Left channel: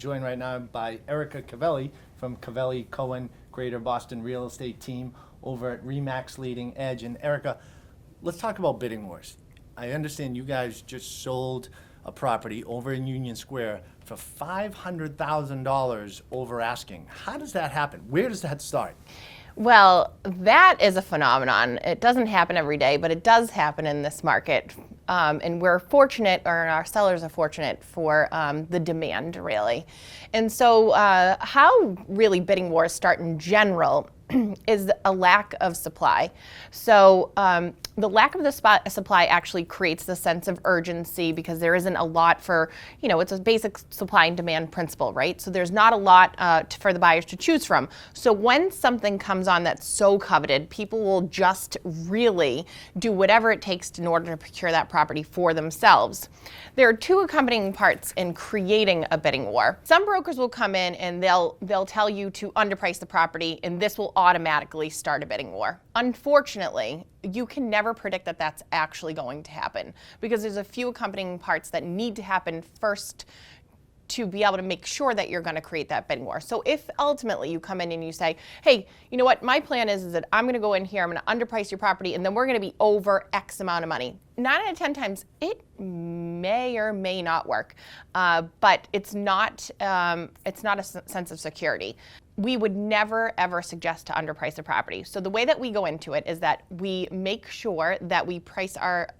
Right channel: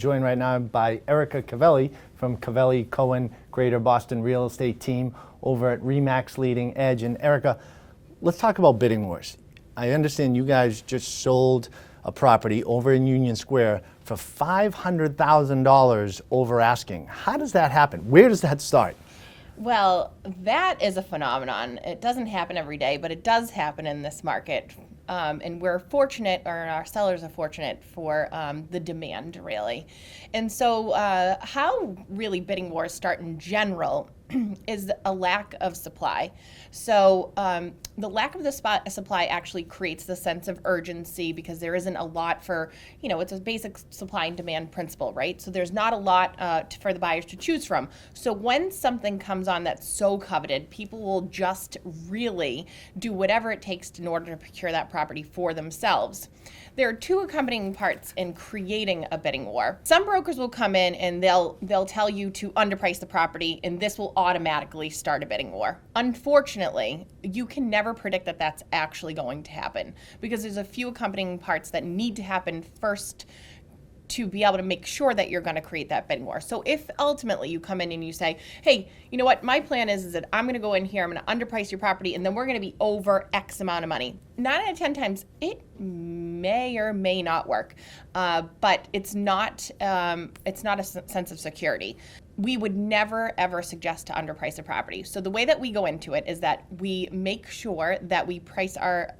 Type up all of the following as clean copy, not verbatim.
joined right now by Erica Cavelli from Cavelli Cohen Greater Boston Real Estate Team over at RE/MAX Leading Edge. And Erica, let's talk about bidding wars. I understand you guys just sold a property over in Union Square for $500,000 over asking. How does that happen? Where does that start? Well, that is a phenomenon. It doesn't happen every day, but it does happen in this market. And we're fortunate, or our sellers are fortunate for the demand, really. And so how really bidding wars start in general is a lack of supply. So the lack of the supply actually creates the sense of urgency because there isn't a lot for, it's a basic supply and demand principle, right? So there's not a lot for the buyers to choose from. So when something comes on that's so coveted, people will just really do whatever it takes in order to procure that property for themselves. There are two accompanying parts in creating a bidding war. Some brokers will come in and they'll tell you to underprice the property, and this will automatically start a bidding war. Unfortunately, you can never predict that that's actually going to happen because there's a few accompanying parts that need to happen first to be able to make sure that you're going to create that bidding war. So if ultimately you come in and you say, hey, you know what, my plan is that I'm going to go in here, I'm going to underprice your property, and then we're going to be over X amount of money. 9 out of 10 times, it may or may not work, but it's not a sense of security. We would never, ever suggest to underprice a property. So the way that we go into it is that we make sure that we price our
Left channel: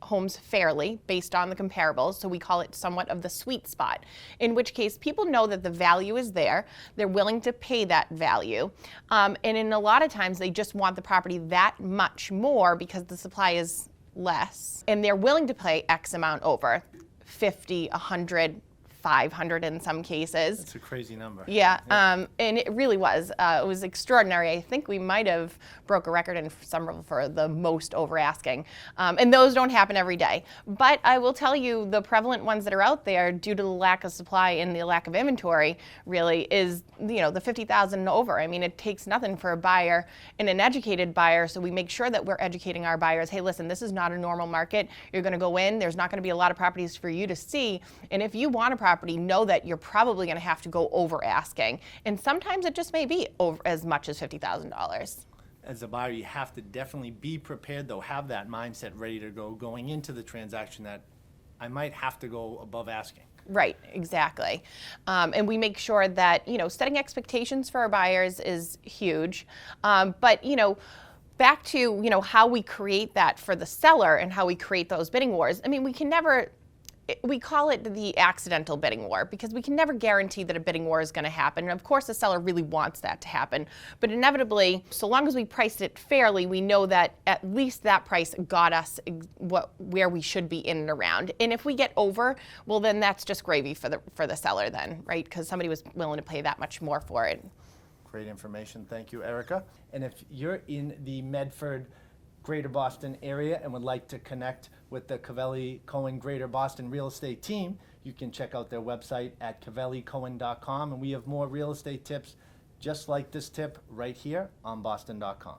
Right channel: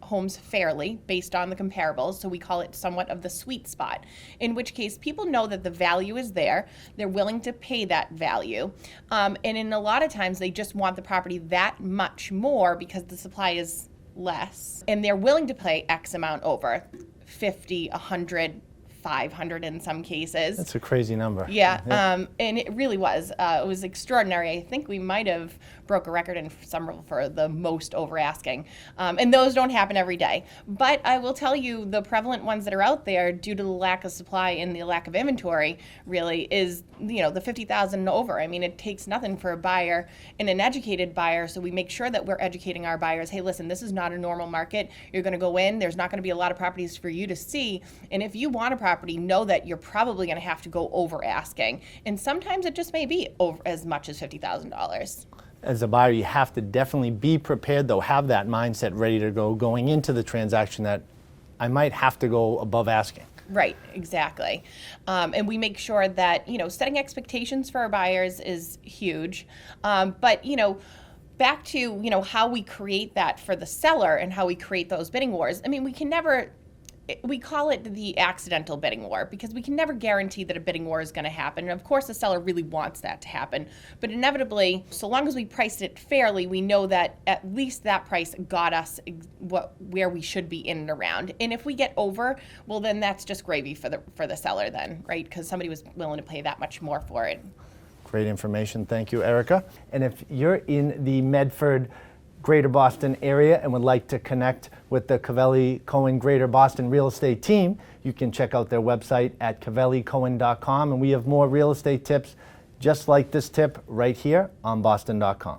homes fairly based on the comparables, so we call it somewhat of the sweet spot, in which case people know that the value is there, they're willing to pay that value, and in a lot of times they just want the property that much more because the supply is less, and they're willing to pay X amount over, 50, 100, 500 in some cases. That's a crazy number. Yeah, and it really was. It was extraordinary. I think we might have broke a record in Somerville for the most over asking. And those don't happen every day. But I will tell you, the prevalent ones that are out there, due to the lack of supply and the lack of inventory, really is, the 50,000 and over. I mean, it takes nothing for a buyer and an educated buyer, so we make sure that we're educating our buyers. Hey, listen, this is not a normal market. You're going to go in. There's not going to be a lot of properties for you to see. And if you want a property, know that you're probably going to have to go over asking. And sometimes it just may be over as much as $50,000. As a buyer, you have to definitely be prepared, though, have that mindset ready to go going into the transaction that I might have to go above asking. Right, exactly. And we make sure that, setting expectations for our buyers is huge. But, back to, how we create that for the seller and how we create those bidding wars. I mean, we call it the accidental bidding war because we can never guarantee that a bidding war is going to happen. And of course, the seller really wants that to happen. But inevitably, so long as we priced it fairly, we know that at least that price got us where we should be in and around. And if we get over, well, then that's just gravy for the seller then, right? Because somebody was willing to pay that much more for it. Great information. Thank you, Erica. And if you're in the Medford, Greater Boston area and would like to connect with the Cavelli Cohen Greater Boston Real Estate Team, you can check out their website at cavellicohen.com, and we have more real estate tips just like this tip right here on boston.com.